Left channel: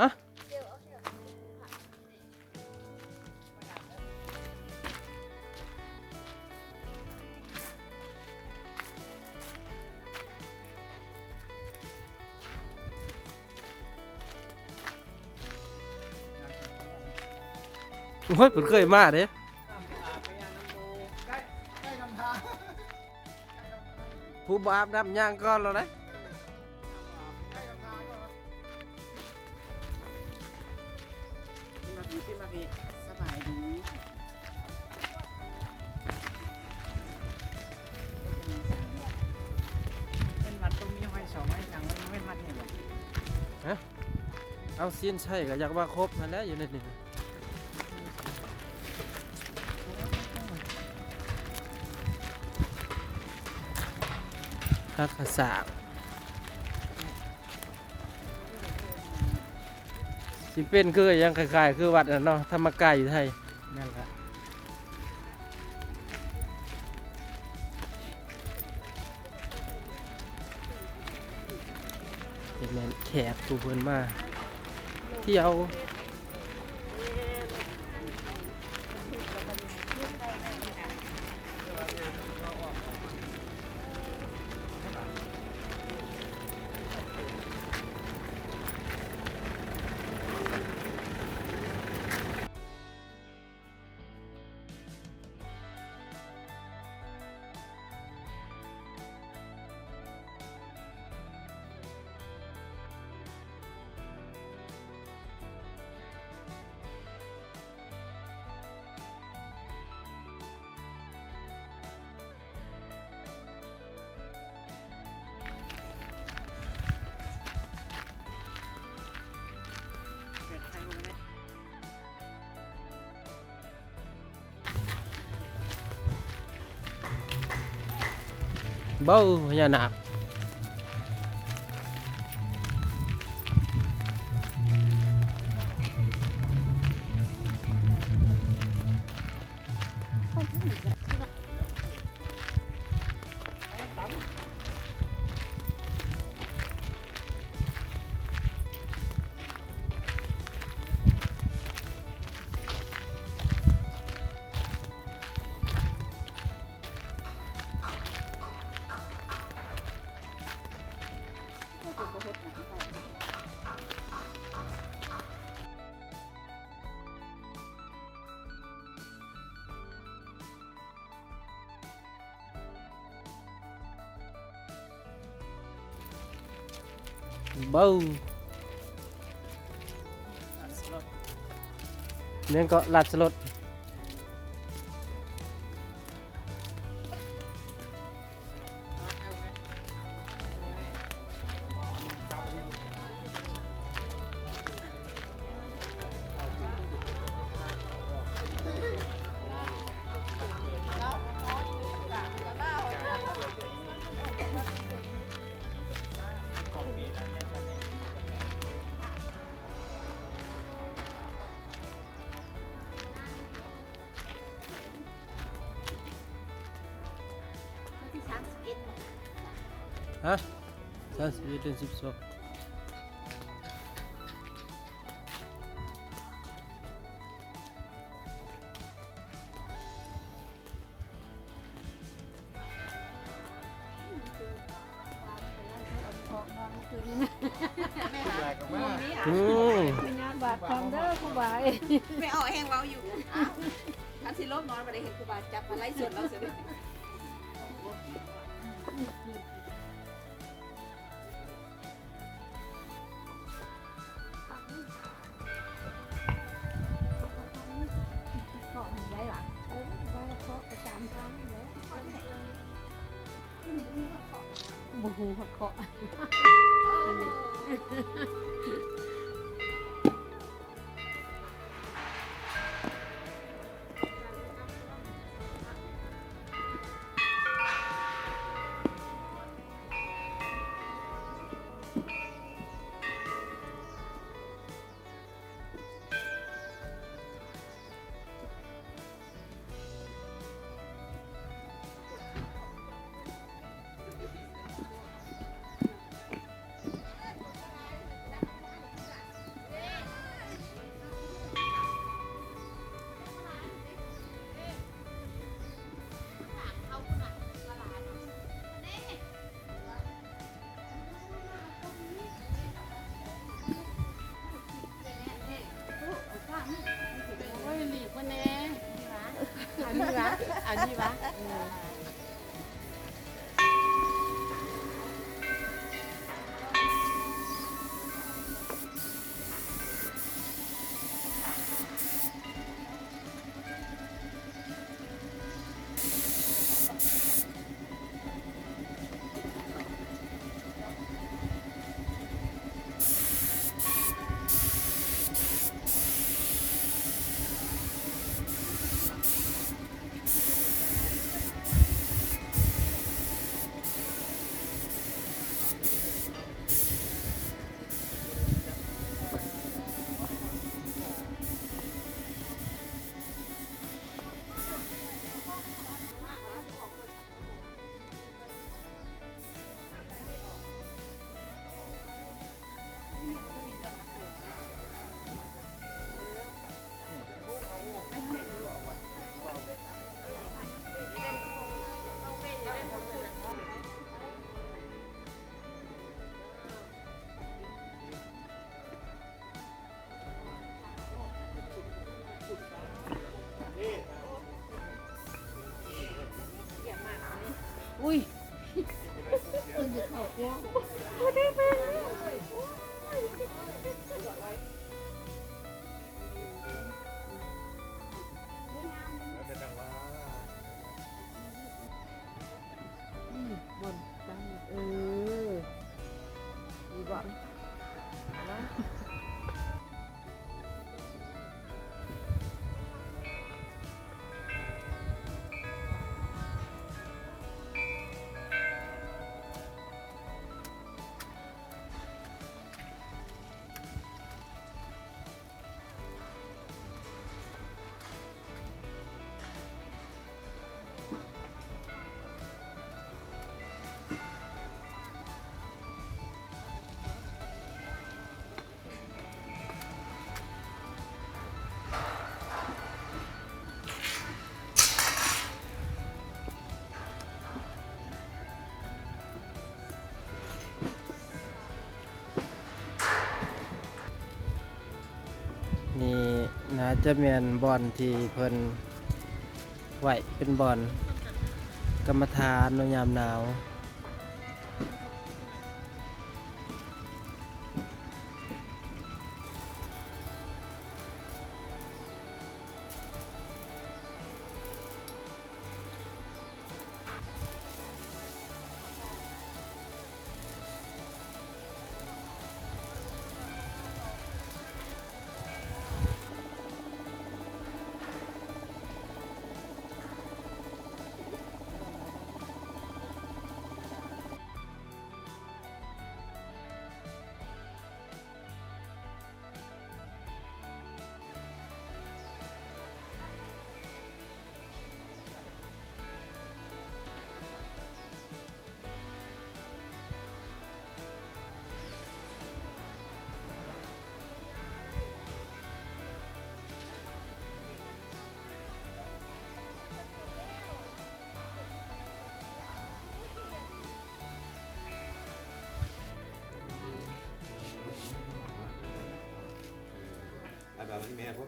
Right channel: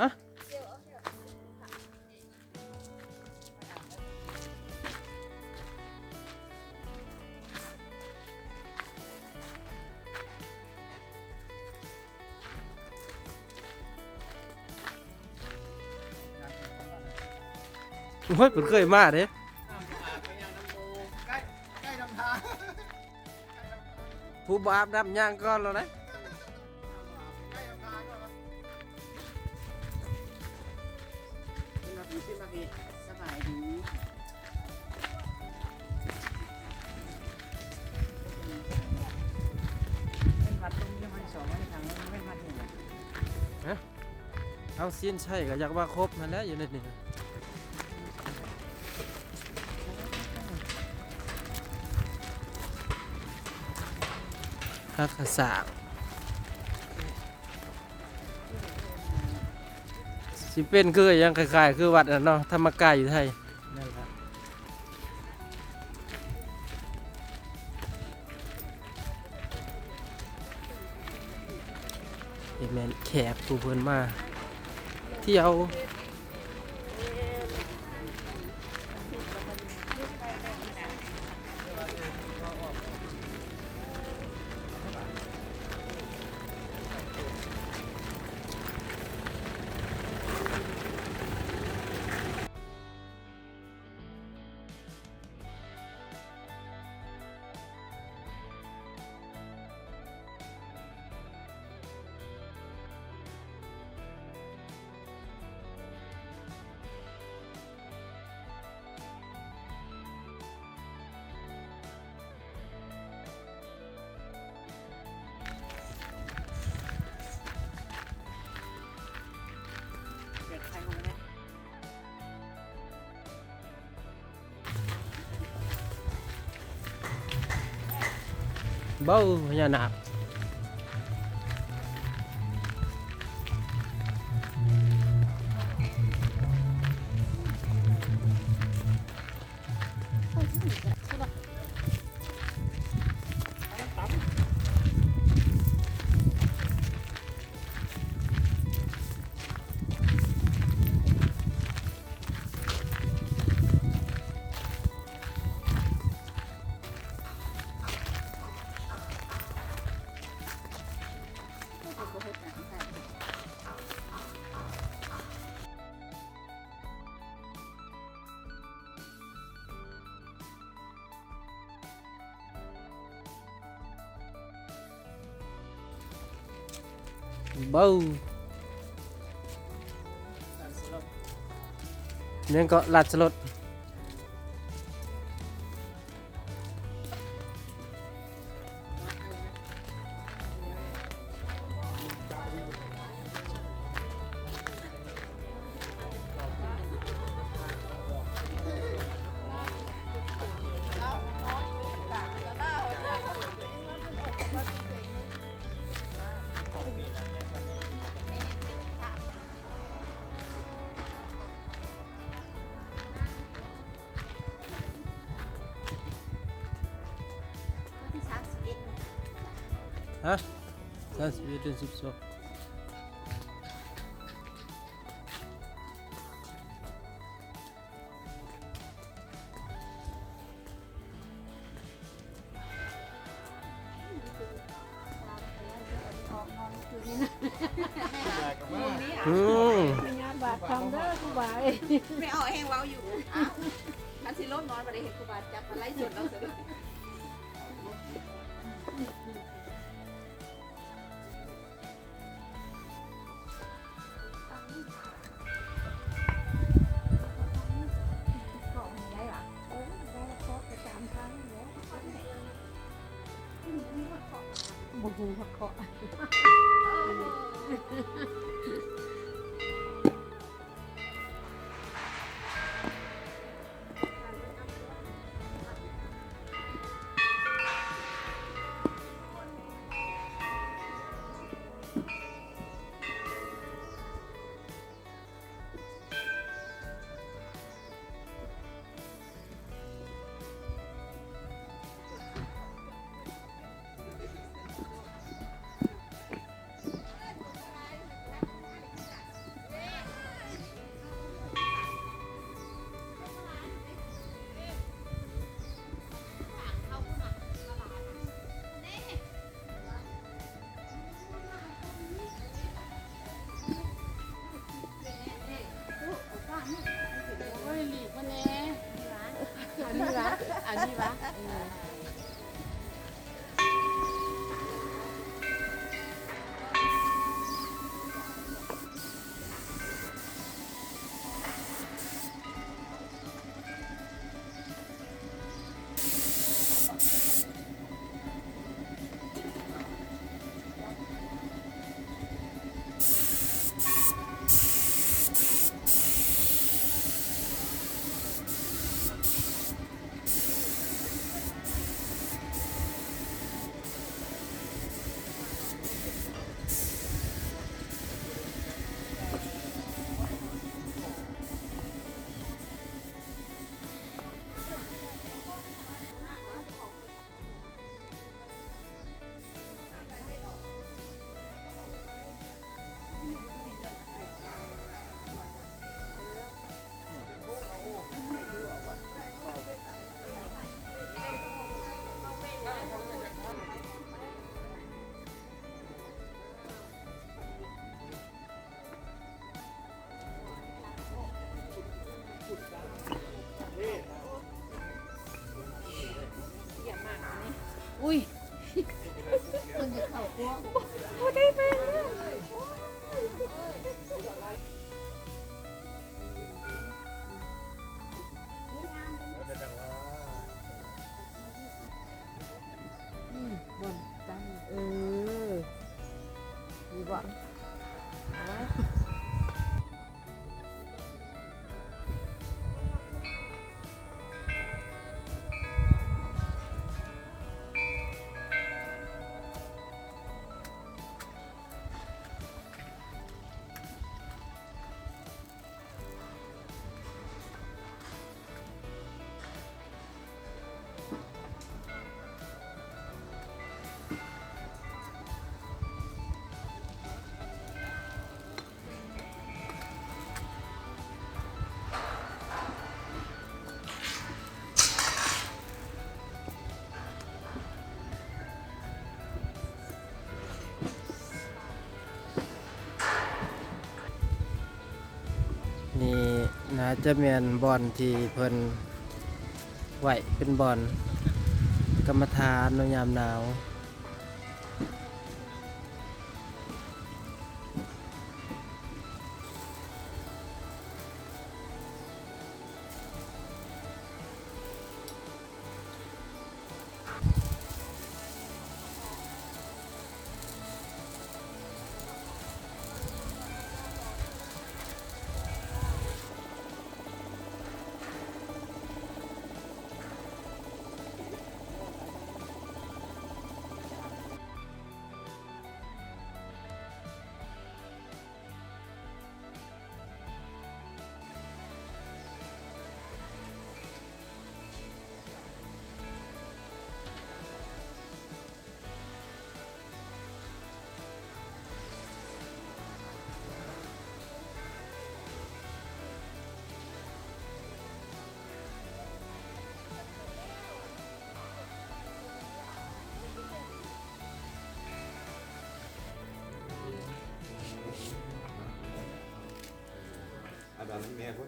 ฮะโอ้ยผมเคยมาเด้ผู้บาปดำย่างก้อนแล้วนะสบายดีเป็นวัดตรงนี้ให้สอนให้ทางไม่วัดเนี่ย เอาสิ้นใช่ก็อยากว่าครบมาแล้วอยู่ในนี้คักขะสางสิเป็นคือยังคล้ายๆคือวัดน่ะเนาะธรรมกายอยู่ไทยเห็นแม่นแขกผู้เพิ่นมาเที่ยวเบ้าพญานาคเบ้าเนี่ยก็ลาดสลดฮะนั่นสิเป็น12อืม บาดจำได้ผู้บาย ไม่เอาแห้งเราอยู่มันสิลดน้อยกว่าได้เห็นครูบาจับมาไล่สวนเราเสียด้วยบุกหักเกาะ เ เข้าพวก บนตั้งดีบ่ นี่น่าจะแม่นบอนที่เพิ่นไหวเป็นบอนกรรมฐานในยามหนาว เอาแบบนี้แม่ก็